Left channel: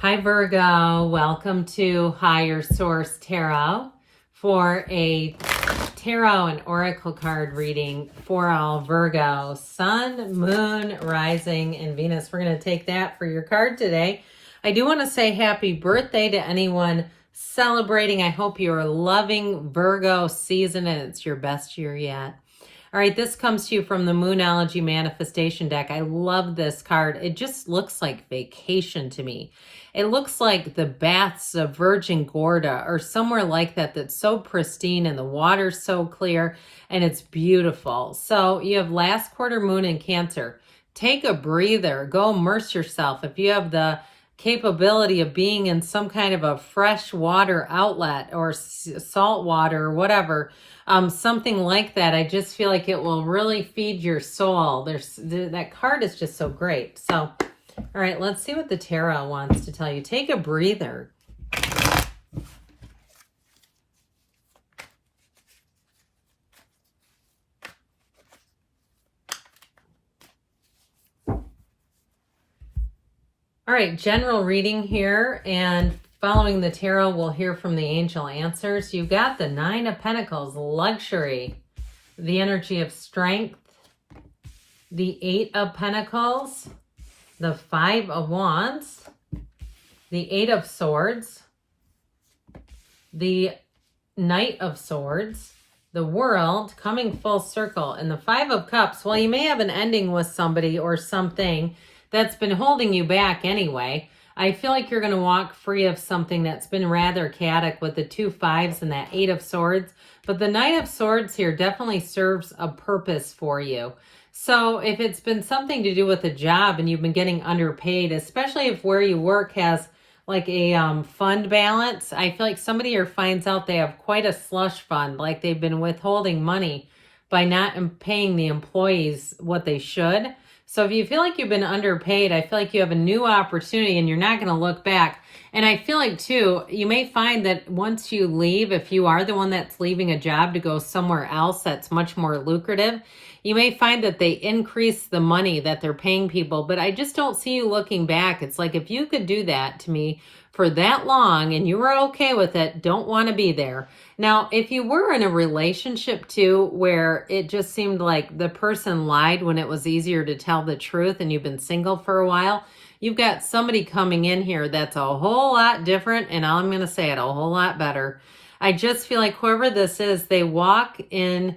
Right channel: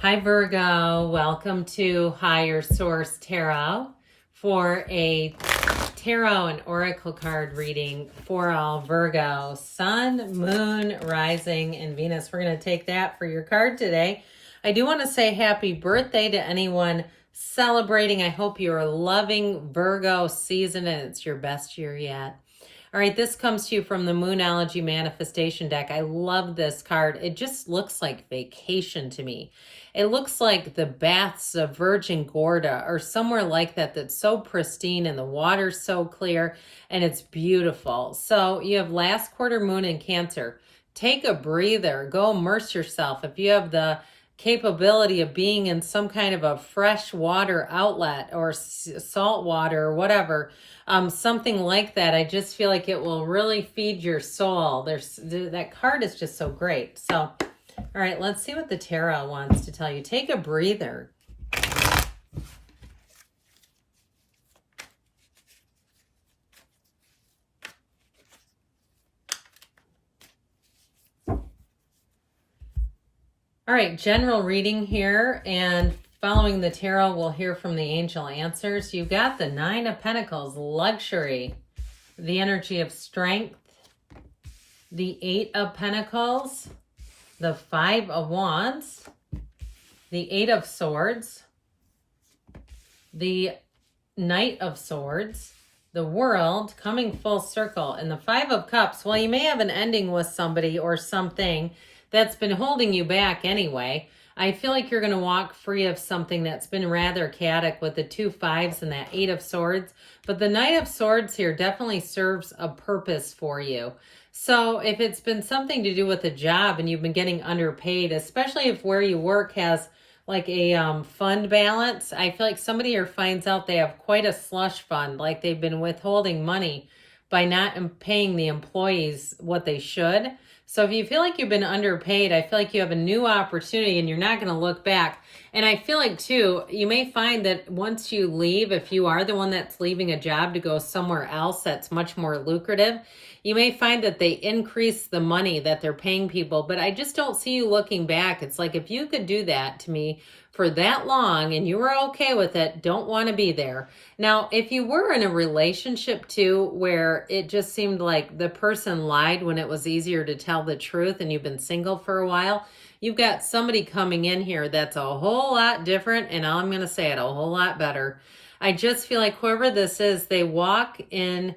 Hi Virgo, welcome to Higher Source Tarot for a tarot and oracle card reading for all Virgo, Sun, Moon, Rising, and Venus. We're going to take that for your card today. I do want to say happy birthday to anyone celebrating. I hope you are loving Virgo season and it's your best year yet. All right, this comes to you from the Moonology Manifestation deck. I love this card. It just looks like vacation to me. It looks like the baths of Virgin Gorda or somewhere like that that's so pristine and the water's so clear and it's beautiful. So you have last quarter moon in Cancer. Take a breather. Go immerse yourself. If you have the capability of being in some kind of a fresh water outlet or salt water or whatever, something like that, I just feel like it will really feed your soul. That card is just so great. So, all right, let's see what the tarot wants to tell you. Take a breather. All right, general reading here, and following the tarot, we'll hear from the angel answers. You got the Nine of Pentacles, luxury, the energy of strength, the Eight of Pentacles, the Five of Wands, the Eight of Swords, the Knight of Swords, the World coming full circle, and the Five of Cups. Well, you may have an ending with somebody or something that's been holding you back anyway. I feel like you're going to walk free of something that's been rather chaotic with the two fives and that Eight of Swords. But the Knight of Swords here definitely serves a purpose for you. So if it's been something to do with a job and you've been getting underpaid, especially if where you work has like a fund balance, I feel like somebody here finds out they have quite a slush fund, like they've been withholding money by not paying the employees what they should. So if you feel like you've been underpaid, I feel like you have a new opportunity and you're not going to look back. And I feel like, too, you may find that once you leave, if you are the one that's leaving a job to go somewhere else that's much more lucrative, you may find that they increase the money that they're paying people. But I just don't see you looking back. It's like if you could do that to me for that long and you were okay with it, don't want to be there. Now, if you were in a relationship too, where it just seemed like the person lied when it was easier to tell the truth and you've been single for a while, you've got somebody coming in here that's a whole lot different, and I'm going to say it, a whole lot better. I just feel like whoever this is, they walk in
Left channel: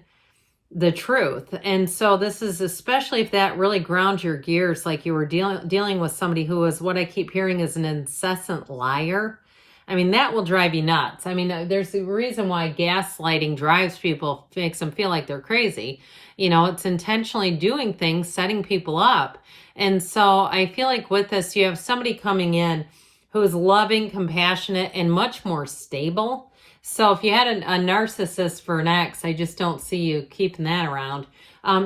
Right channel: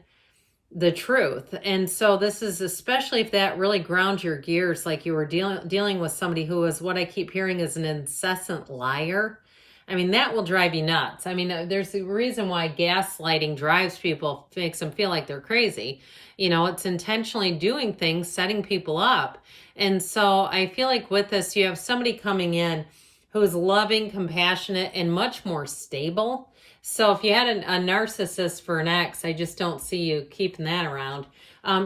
the truth. And so this is especially if that really grounds your gears, like you were dealing with somebody who is what I keep hearing is an incessant liar. I mean, that will drive you nuts. I mean, there's a reason why gaslighting drives people, makes them feel like they're crazy. You know, it's intentionally doing things, setting people up. And so I feel like with this, you have somebody coming in who is loving, compassionate, and much more stable. So if you had a narcissist for an ex, I just don't see you keeping that around.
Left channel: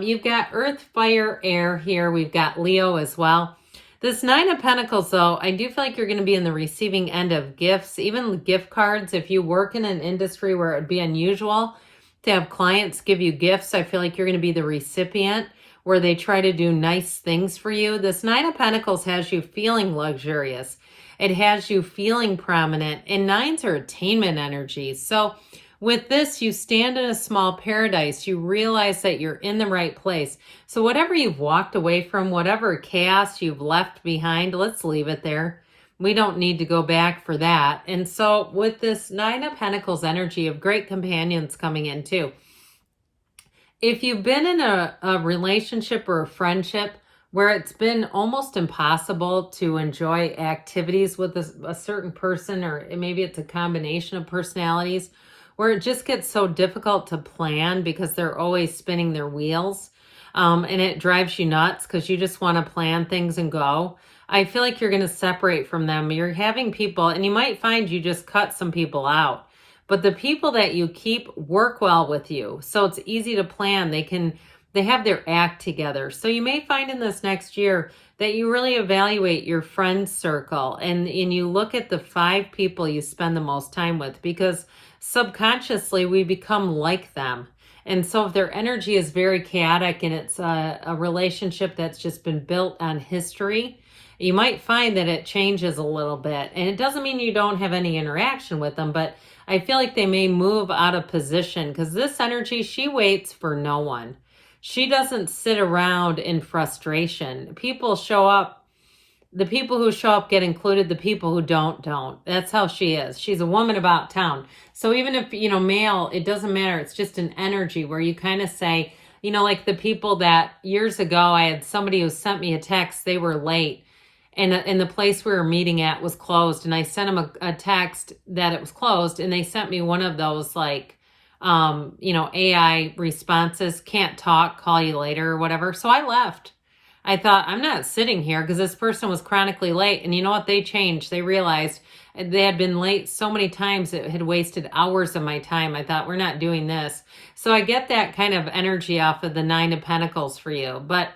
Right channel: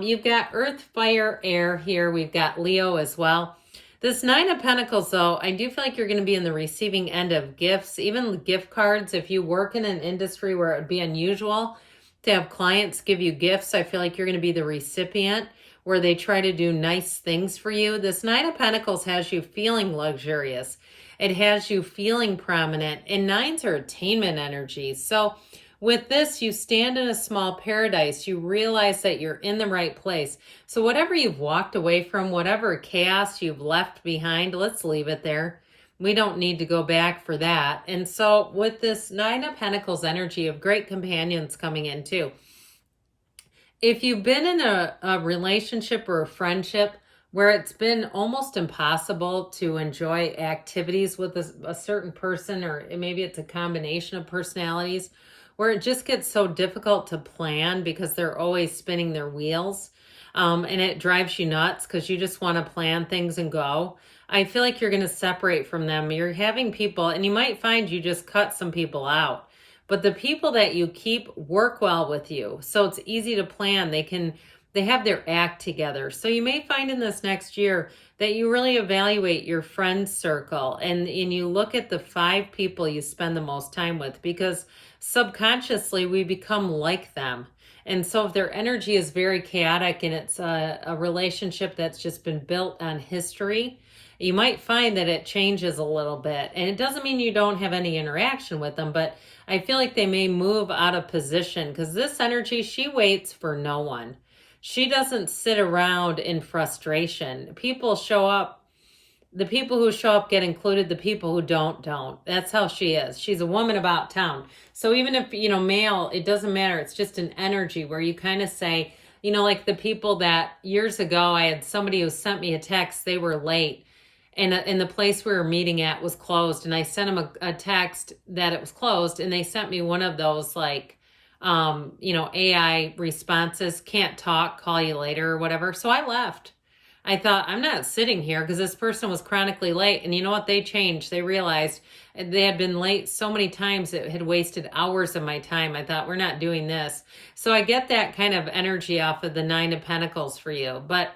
You've got Earth, Fire, Air here. We've got Leo as well. This Nine of Pentacles, though, I do feel like you're going to be in the receiving end of gifts, even gift cards. If you work in an industry where it would be unusual to have clients give you gifts, I feel like you're going to be the recipient where they try to do nice things for you. This Nine of Pentacles has you feeling luxurious. It has you feeling prominent, and nines are attainment energies. So with this, you stand in a small paradise. You realize that you're in the right place. So whatever you've walked away from, whatever chaos you've left behind, let's leave it there. We don't need to go back for that. And so with this Nine of Pentacles energy of great companions coming in too, if you've been in a relationship or a friendship where it's been almost impossible to enjoy activities with a certain person, or maybe it's a combination of personalities, where it just gets so difficult to plan because they're always spinning their wheels, and it drives you nuts because you just want to plan things and go. I feel like you're going to separate from them. You're having people, and you might find you just cut some people out. But the people that you keep work well with you, so it's easy to plan. They have their act together. So you may find in this next year that you really evaluate your friend circle and you look at the 5 people you spend the most time with, because subconsciously we become like them. And so if their energy is very chaotic and it's a relationship that's just been built on history, You might find that it changes a little bit. And it doesn't mean you don't have any interaction with them, but I feel like they may move out of position because this energy, she waits for no one. She doesn't sit around in frustration. People show up. The people who show up get included. The people who don't. That's how she is. She's a woman about town. So even if, male, it doesn't matter. It's just an energy where you kind of say, like the people that years ago, I had somebody who sent me a text, they were late. And the place we were meeting at was closed. And I sent them a text that it was closed. And they sent me one of those like, AI responses, can't talk, call you later or whatever. So I left. I thought, I'm not sitting here because this person was chronically late. And you know what? They changed. They realized they had been late so many times it had wasted hours of my time. I thought, we're not doing this. So I get that kind of energy off of the Nine of Pentacles for you. But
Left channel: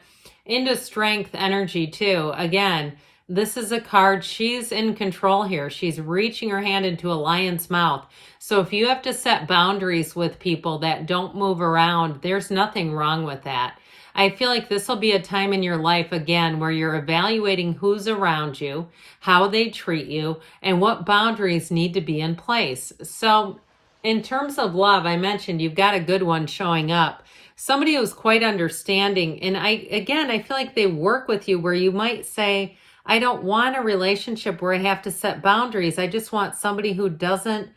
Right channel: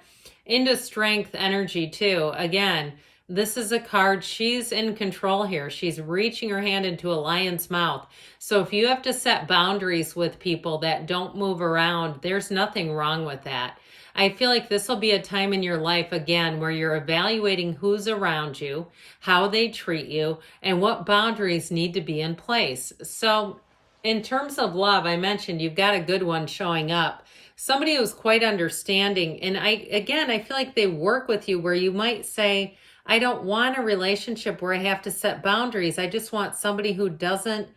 into strength energy too. Again, this is a card. She's in control here. She's reaching her hand into a lion's mouth. So if you have to set boundaries with people that don't move around, there's nothing wrong with that. I feel like this will be a time in your life, again, where you're evaluating who's around you, how they treat you, and what boundaries need to be in place. So in terms of love, I mentioned you've got a good one showing up. Somebody who's quite understanding. And I feel like they work with you where you might say, I don't want a relationship where I have to set boundaries. I just want somebody who doesn't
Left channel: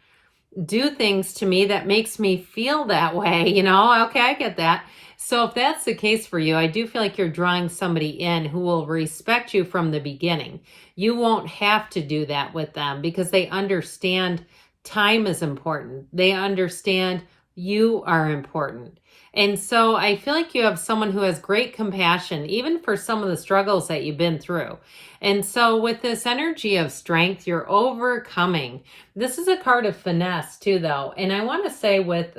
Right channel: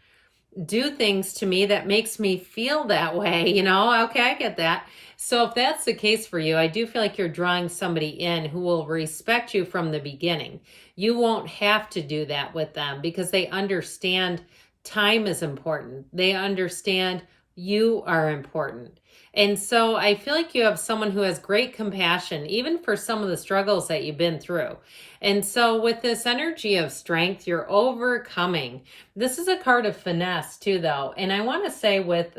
do things to me that makes me feel that way. Okay, I get that. So if that's the case for you, I do feel like you're drawing somebody in who will respect you from the beginning. You won't have to do that with them because they understand time is important. They understand you are important. And so I feel like you have someone who has great compassion, even for some of the struggles that you've been through. And so with this energy of strength, you're overcoming. This is a card of finesse too, though. And I want to say with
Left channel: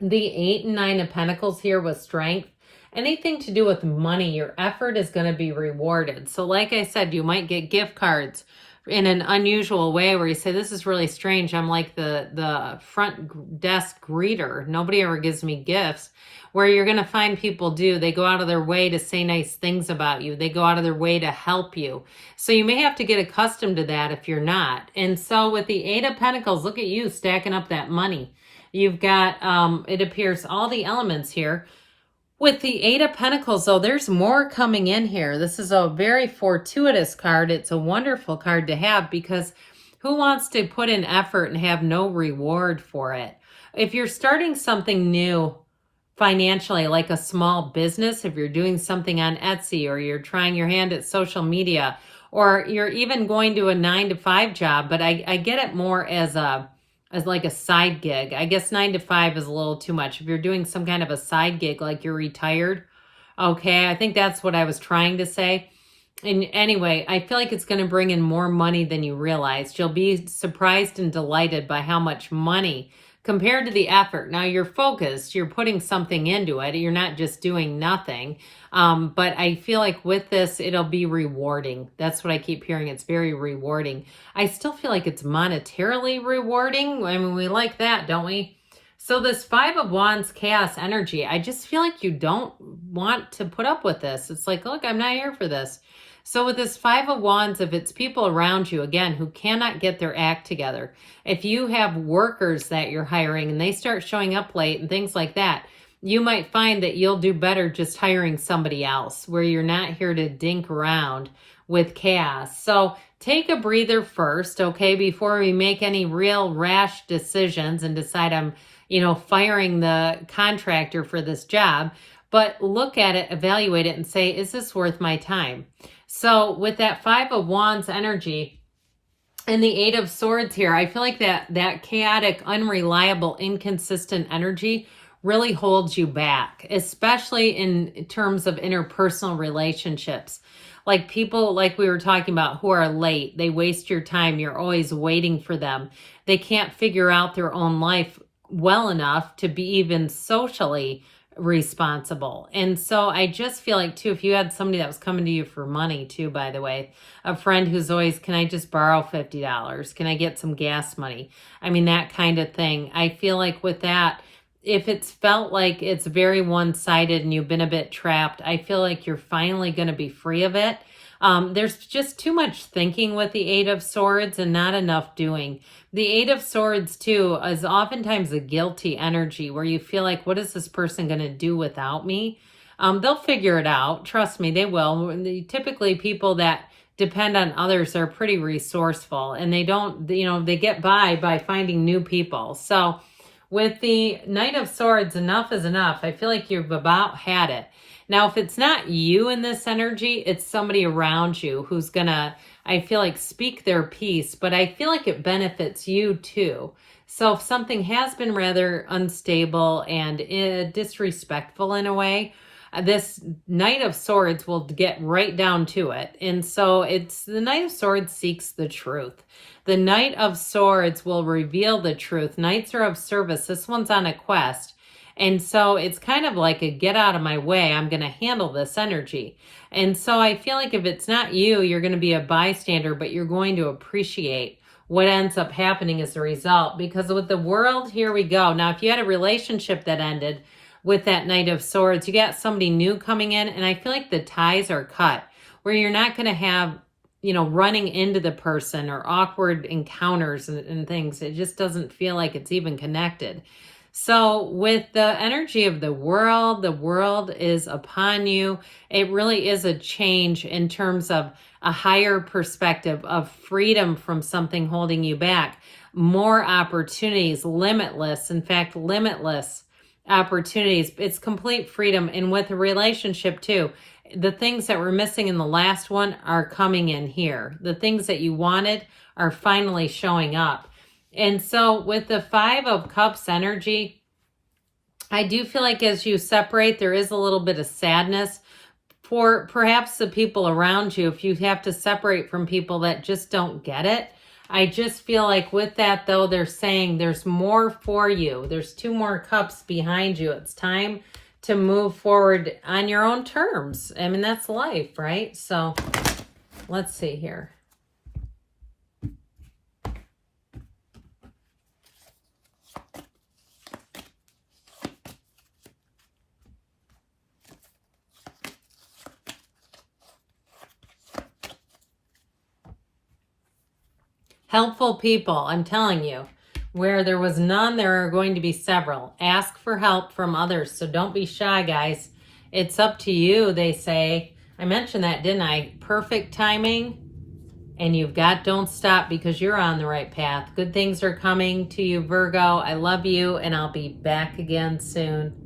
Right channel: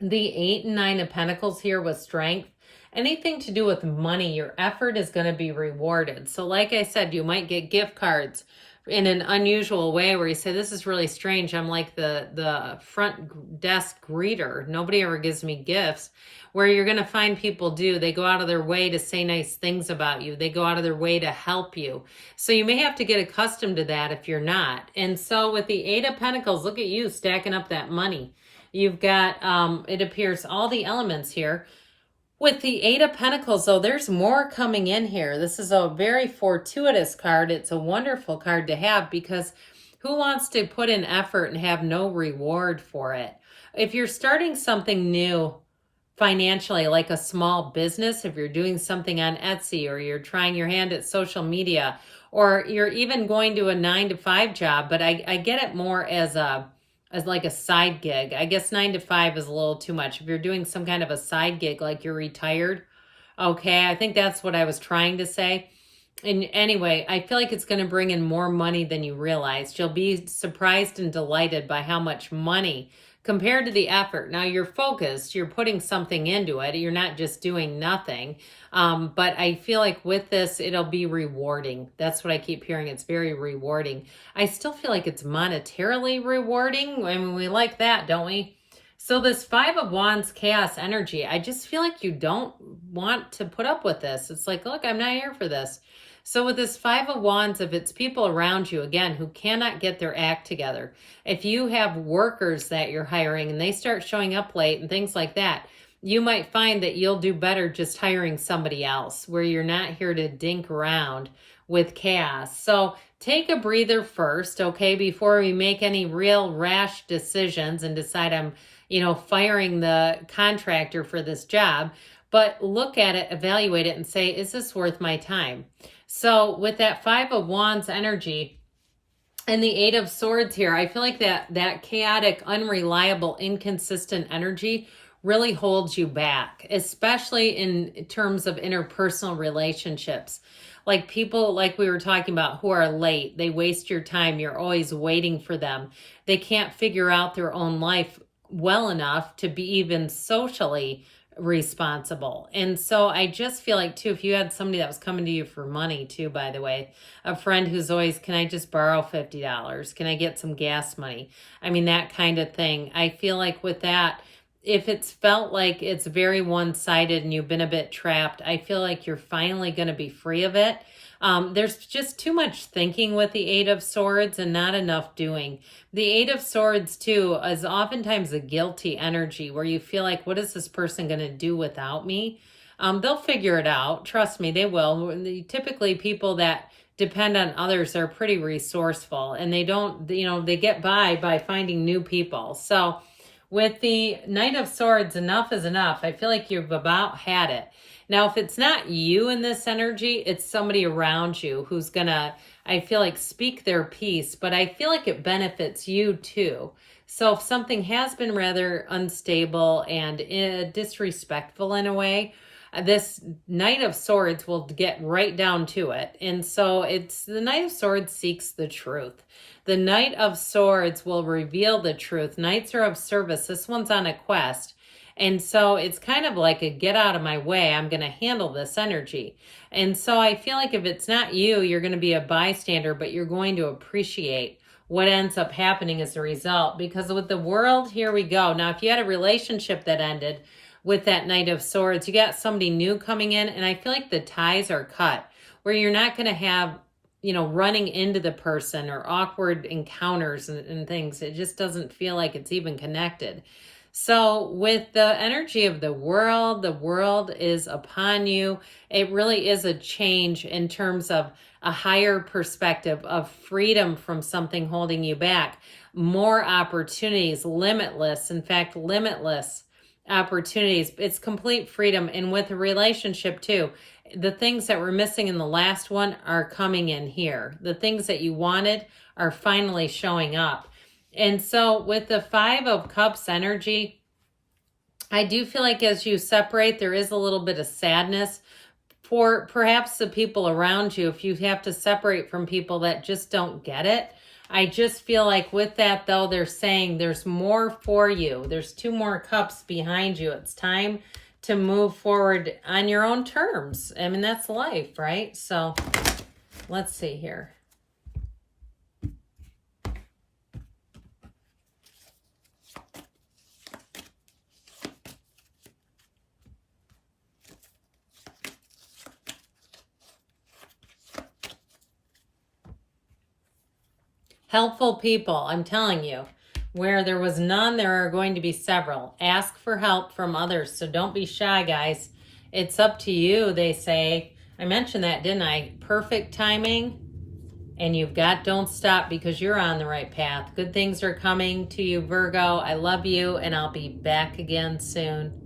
the 8 and 9 of Pentacles here with strength, anything to do with money, your effort is going to be rewarded. So like I said, you might get gift cards in an unusual way where you say, this is really strange. I'm like the front desk greeter. Nobody ever gives me gifts. Where you're going to find people they go out of their way to say nice things about you. They go out of their way to help you. So you may have to get accustomed to that if you're not. And so with the 8 of Pentacles, look at you stacking up that money. You've got, it appears, all the elements here. With the 8 of Pentacles, though, there's more coming in here. This is a very fortuitous card. It's a wonderful card to have because who wants to put in effort and have no reward for it? If you're starting something new financially, like a small business, if you're doing something on Etsy or you're trying your hand at social media, or you're even going to a 9-to-5 job, but I get it more as like a side gig. I guess 9 to 5 is a little too much. If you're doing some kind of a side gig, like you're retired, okay, I think that's what I was trying to say. And anyway, I feel like it's going to bring in more money than you realized. You'll be surprised and delighted by how much money compared to the effort. Now you're focused, you're putting something into it. You're not just doing nothing. But I feel like with this, it'll be rewarding. That's what I keep hearing. It's very rewarding. I still feel like it's monetarily rewarding. I mean, we like that, don't we? So this 5 of Wands chaos energy, I just feel like you don't want to put up with this. It's like, look, I'm not here for this. So with this 5 of Wands, if it's people around you, again, who cannot get their act together, if you have workers that you're hiring and they start showing up late and things like that, you might find that you'll do better just hiring somebody else where you're not here to dink around with chaos. So take a breather first, okay, before we make any real rash decisions and decide I'm, firing the contractor for this job. But look at it, evaluate it, and say, is this worth my time? So with that 5 of Wands energy and the 8 of Swords here, I feel like that chaotic, unreliable, inconsistent energy really holds you back, especially in terms of interpersonal relationships. Like people, like we were talking about, who are late. They waste your time. You're always waiting for them. They can't figure out their own life well enough to be even socially responsible. And so I just feel like too, if you had somebody that was coming to you for money too, by the way, a friend who's always, can I just borrow $50? Can I get some gas money? I mean, that kind of thing. I feel like with that, if it's felt like it's very one-sided and you've been a bit trapped, I feel like you're finally going to be free of it. There's just too much thinking with the Eight of Swords and not enough doing. The Eight of Swords, too, is oftentimes a guilty energy where you feel like, what is this person going to do without me? They'll figure it out. Trust me, they will. Typically, people that depend on others are pretty resourceful, and they don't, they get by finding new people. So with the Knight of Swords, enough is enough. I feel like you've about had it. Now, if it's not you in this energy, it's somebody around you who's gonna, I feel like, speak their piece, but I feel like it benefits you too. So if something has been rather unstable and disrespectful in a way, this Knight of Swords will get right down to it. And so it's the Knight of Swords seeks the truth. The Knight of Swords will reveal the truth. Knights are of service. This one's on a quest. And so it's kind of like a get out of my way. I'm going to handle this energy. And so I feel like if it's not you, you're going to be a bystander, but you're going to appreciate what ends up happening as a result. Because with the World, here we go. Now, if you had a relationship that ended with that Knight of Swords, you got somebody new coming in, and I feel like the ties are cut, where you're not going to have, running into the person or awkward encounters and things. It just doesn't feel like it's even connected. So with the energy of the world is upon you. It really is a change in terms of a higher perspective of freedom from something holding you back. More opportunities, limitless, in fact, limitless opportunities. It's complete freedom. And with a relationship too, the things that were missing in the last one are coming in here. The things that you wanted are finally showing up. And so with the Five of Cups energy, I do feel like as you separate, there is a little bit of sadness for perhaps the people around you if you have to separate from people that just don't get it. I just feel like with that, though, they're saying there's more for you. There's 2 more cups behind you. It's time to move forward on your own terms. I mean, that's life, right? So let's see here. Helpful people, I'm telling you. Where there was none, there are going to be several. Ask for help from others, so don't be shy, guys. It's up to you, they say. I mentioned that, didn't I? Perfect timing, and you've got don't stop because you're on the right path. Good things are coming to you, Virgo. I love you, and I'll be back again soon.